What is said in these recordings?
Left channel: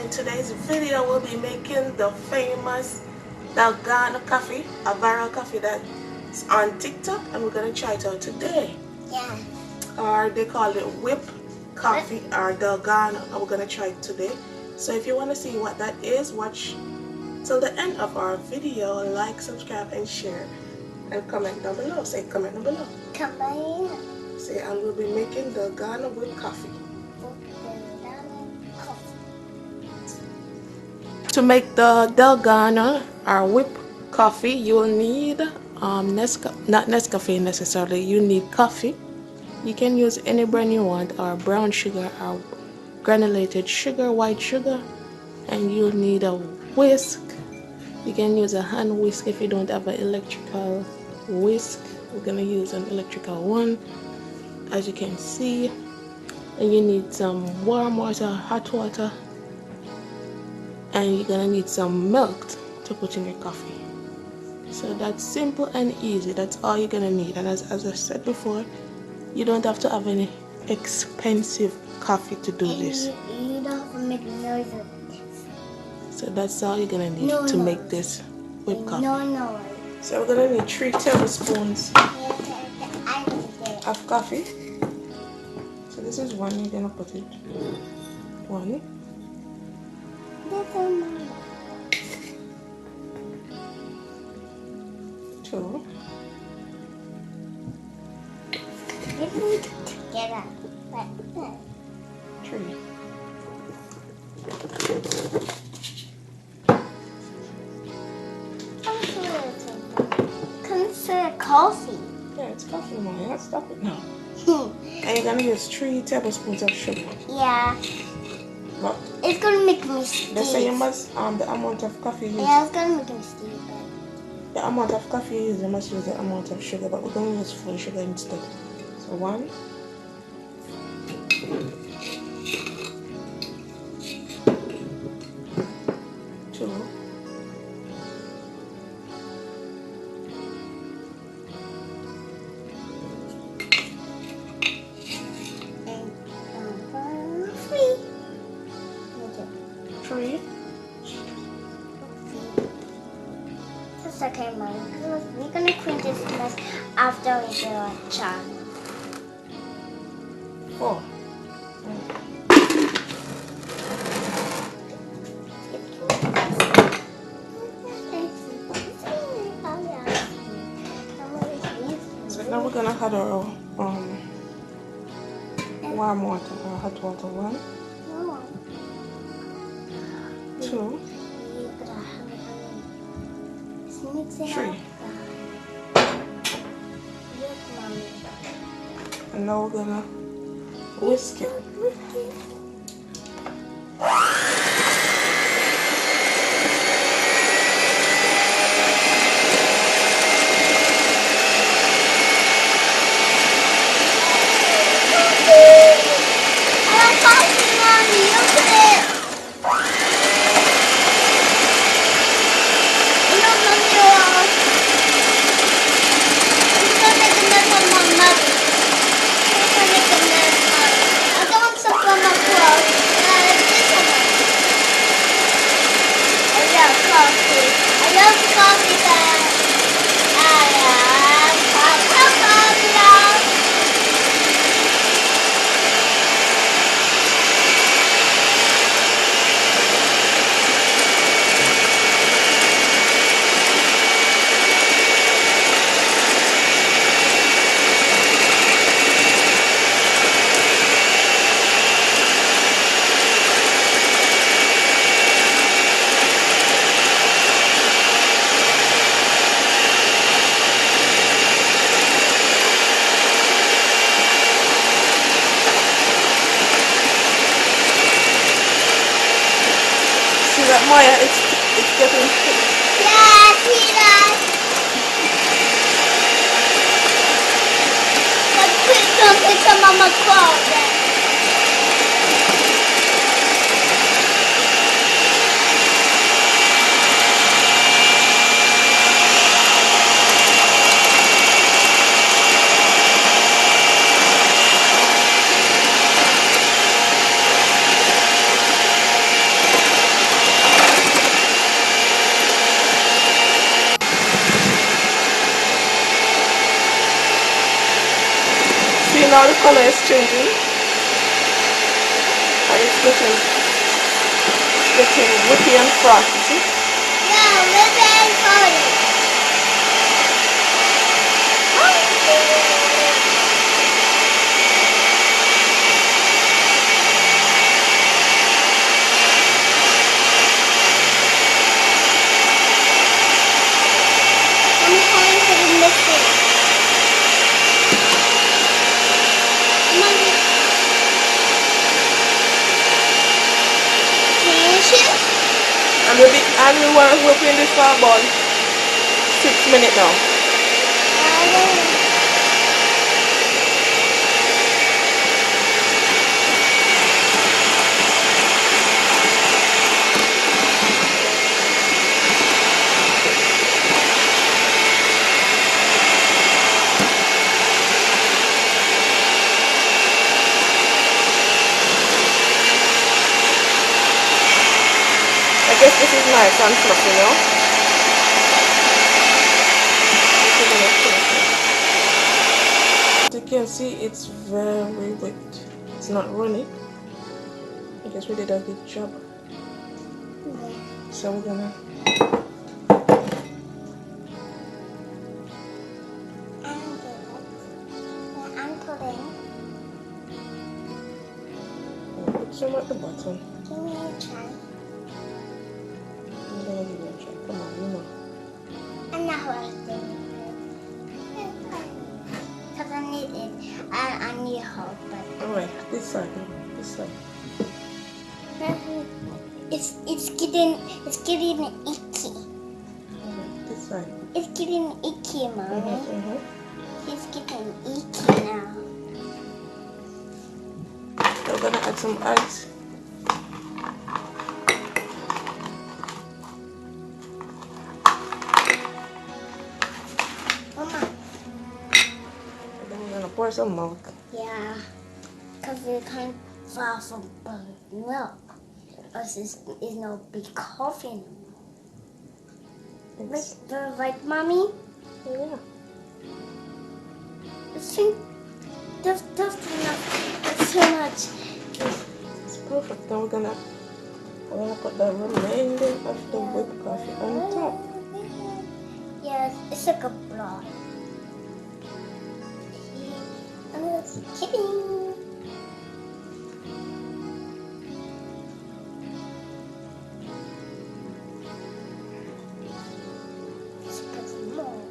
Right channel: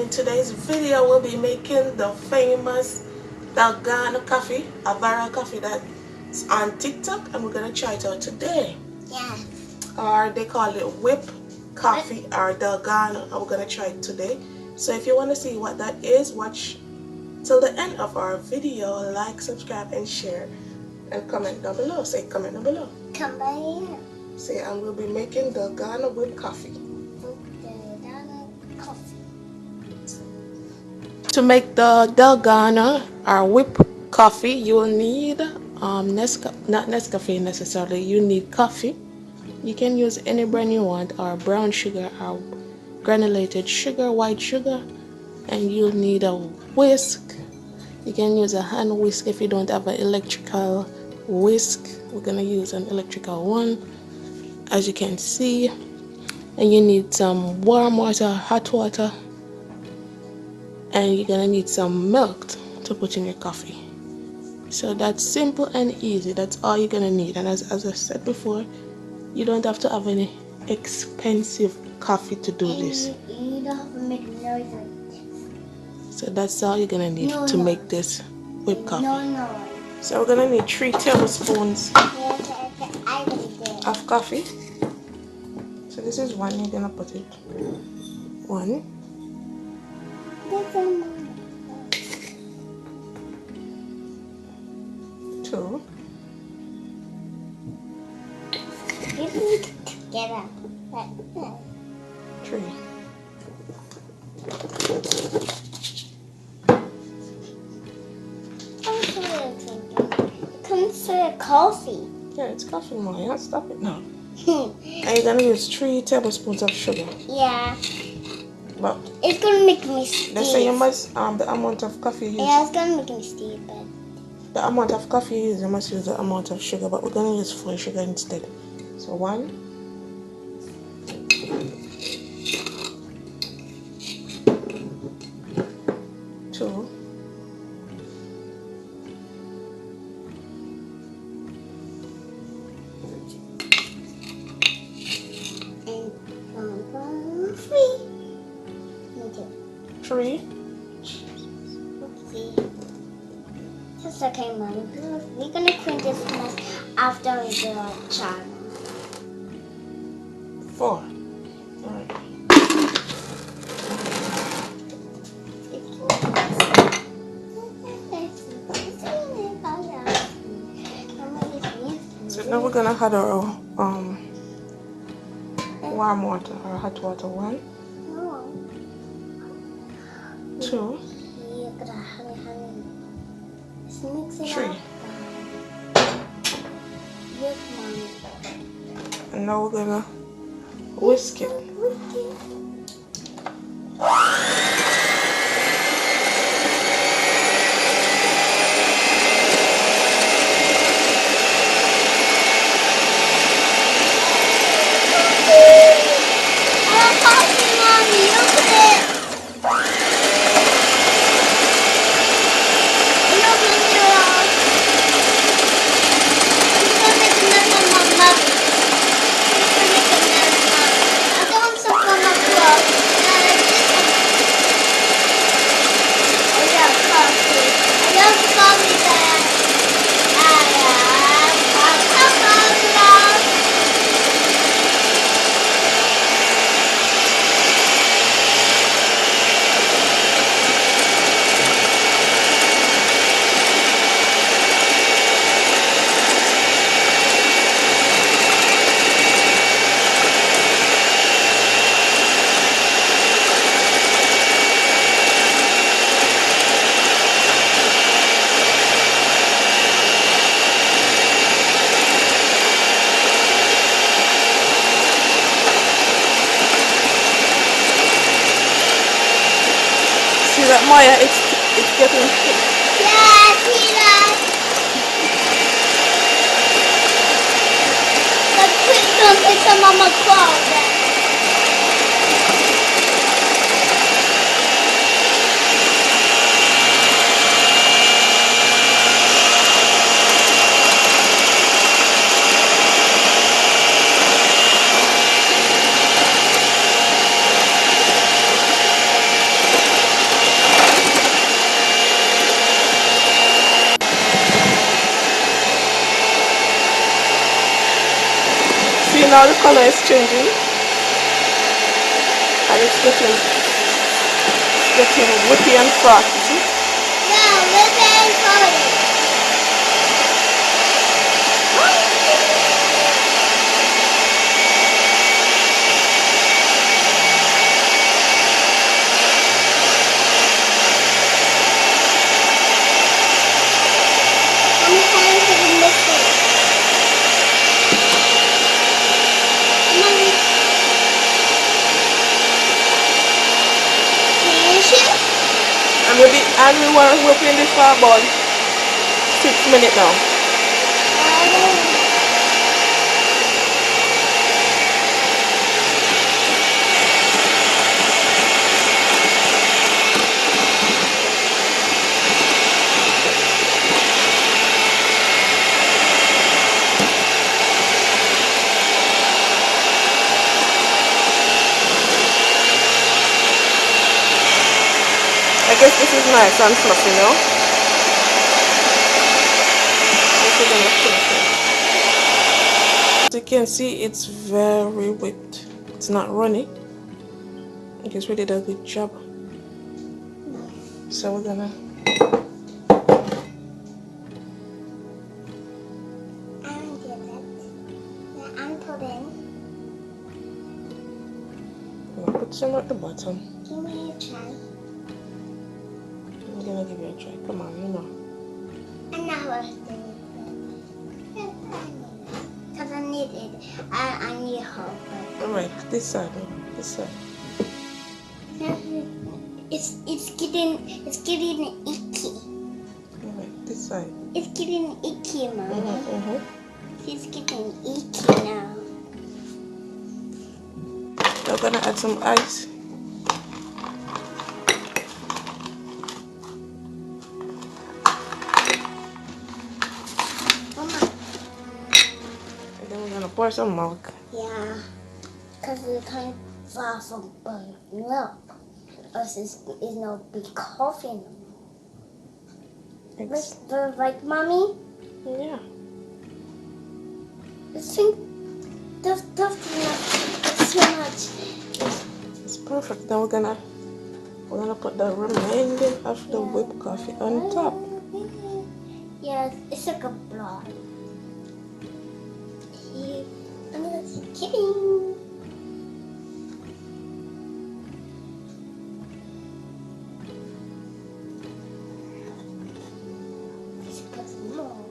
in today's video we'll be making the famous DALGONO coffee, a viral coffee that's on TikTok, and we're gonna try it out today. Yeah. Or they call it whip coffee or DALGONO, and we're gonna try it today. So if you want to see what that is, watch till the end of our video. Like, subscribe, and share, and comment down below. Say comment down below. Comment. Say, and we'll be making DALGONO whip coffee. To make the DALGONO or whip coffee, you'll need not Nescafe necessarily. You need coffee. You can use any brand you want, or brown sugar or granulated sugar, white sugar, and you'll need a whisk. You can use a hand whisk if you don't have an electrical whisk. We're gonna use an electrical one, as you can see. And you need some warm water, hot water, and you're gonna need some milk to put in your coffee. So that's simple and easy. That's all you're gonna need. And as I said before, you don't have to have any expensive coffee to do this. You don't have to make noises. So that's all you're gonna need to make this whipped coffee. No. So we're gonna need 3 tablespoons of coffee. So this is one. You're gonna put it 1. 2. Together. 3. Consider coffee. Yeah, it's coffee, Mom. Yeah, stop it now. And you're gonna use 3 tablespoons of sugar. Yeah. But it's gonna make me stupid. let's say you must the amount of coffee you use. Yeah, it's gonna make me stupid. The amount of coffee you use, you must use the amount of sugar, but we're gonna use full sugar instead. So 1. 2. 3. That's okay, Mom. We're gonna clean this mess after we do our channel. 4. So now we're gonna add our warm water or hot water. 1, 2, 3. And now we're gonna whisk it. Maya, it's getting thick. Yeah, I see that. But please don't take some of my clothes. now the color is changing. And it's getting whippy and frothy. See? Yeah, look at it. And we want to whip in this for about 6 minutes now. I guess this is nice and fluffy, you know? As you can see, it's very wet. It's not runny. I guess we did a good job. So we're gonna put some at the bottom. Give me a try. I'm gonna give you a try. Come on, you know. I'm not working. Because I need it. I need help. Alright, this side, this side. It's getting icky. Alright, this side. It's getting icky, Mommy. It's getting icky now. We're gonna add some ice. Mama. And then we're gonna pour some milk. Yeah, because you can't far from burnt milk. Because it's no big coffee. It's, Right, Mommy? yeah. That's too much. It's perfect. Now we're gonna put the remainder of the whipped coffee on top. Yes, it's like a block. I'm just kidding. Let's put some more.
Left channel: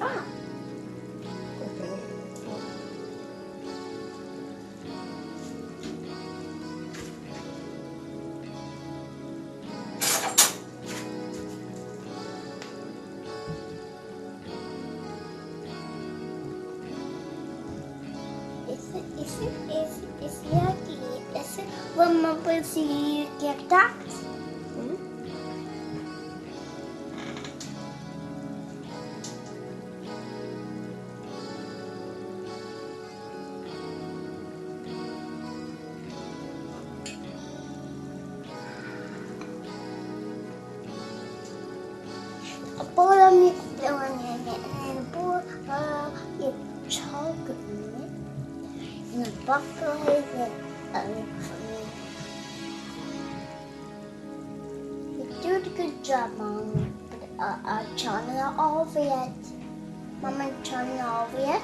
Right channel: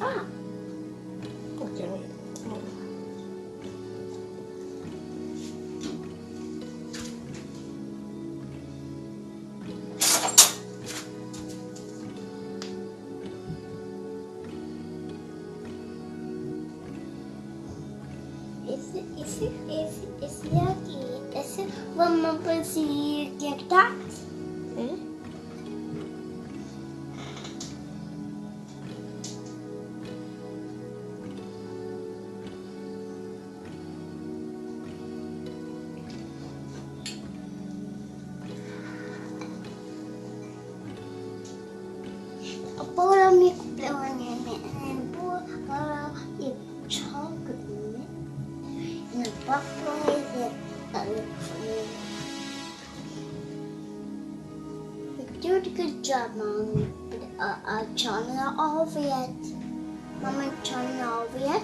Ah. Okay. It's yucky. Is it when Mama see get that? Pour the milk flour in it and pour your chocolate in it. And the butter is it. You did a good job, Mommy. But turn it over yet. Mama, turn it over yet?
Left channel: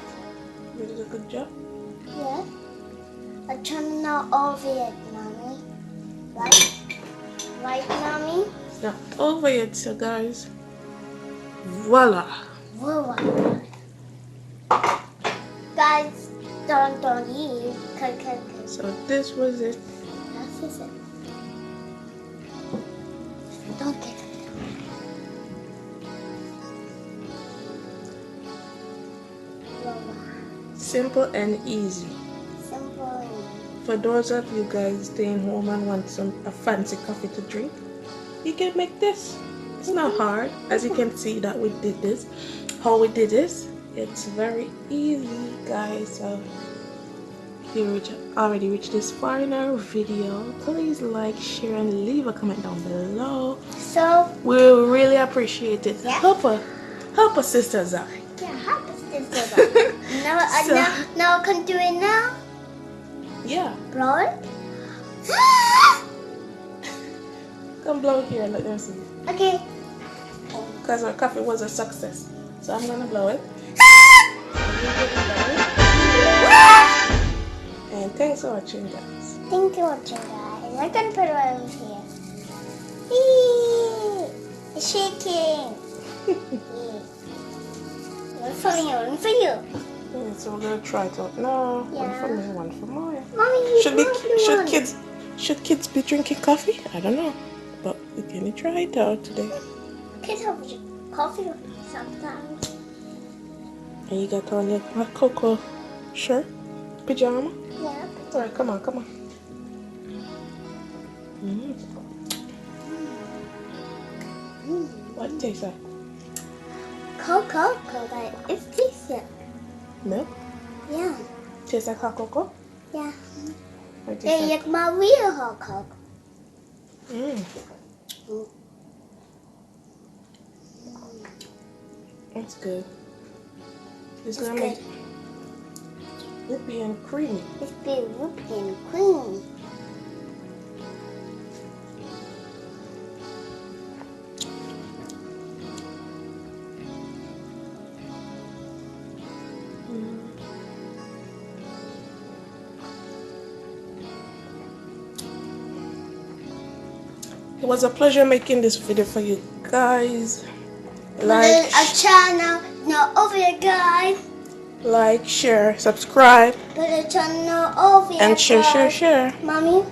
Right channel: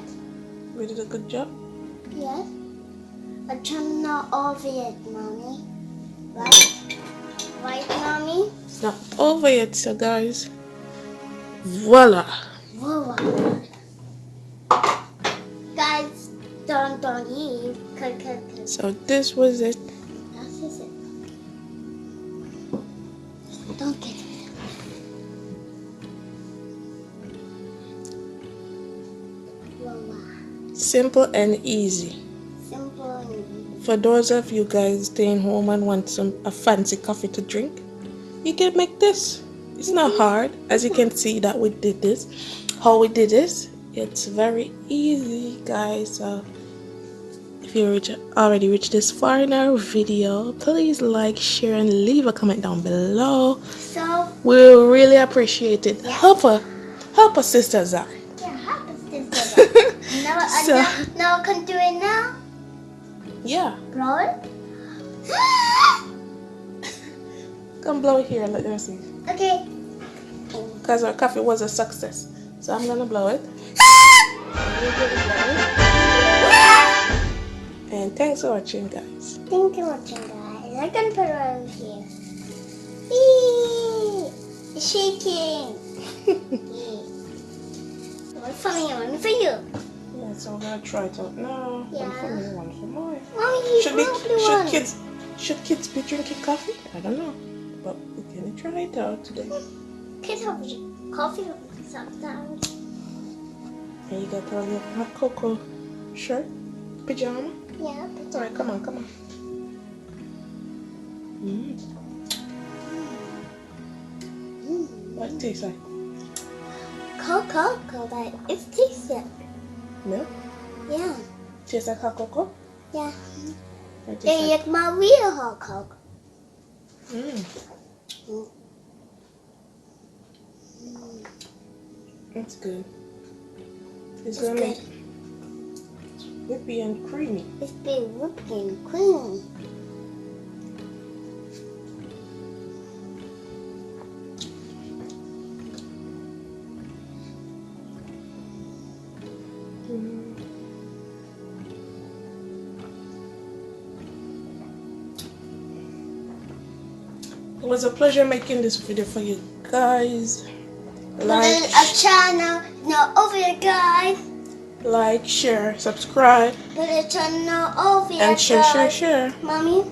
We did a good job. Yeah. I turn it over yet, Mommy. Right? Right, Mommy? It's not over yet, so guys. Voila! Whoa. Guys, don't leave. So this was it. This is it. Don't get it. Voila. Simple and easy. Simple and easy. For those of you guys staying home and want a fancy coffee to drink, you can make this. It's not hard, as you can see that we did this. How we did this, it's very easy, guys. So if you already reached this far in our video, please like, share, and leave a comment down below. So We'll really appreciate it. Yeah. Help us, Sister Zari. Yeah, help us this little. Now I can do it now. Yeah. Blow it. Come blow it here. Let them see. Okay. Because our coffee was a success. So I'm going to blow it. And thanks for watching, guys. Thank you for watching, guys. I can put it over here. Whee! It's shaking. One for me, one for you. Yeah, so we're going to try it out now. Yeah. One for me, one for Moya. Mommy, Should kids be drinking coffee? I don't know. But we can try it out today. Kids have coffee sometimes. And you got on your hot cocoa shirt? Pajama? Yeah. Alright, come on. What it tastes like? Cocoa, like it's decent. Milk? Yeah. Tastes like hot cocoa? Yeah. Or it tastes They like... like my real hot cocoa. That's good. It's It's gonna good. make whippy and creamy. It's been whipped and cream. It was a pleasure making this video for you guys. Put a channel not over here, guys. Like, share, subscribe, Put a channel over here, and guys. share. Mommy,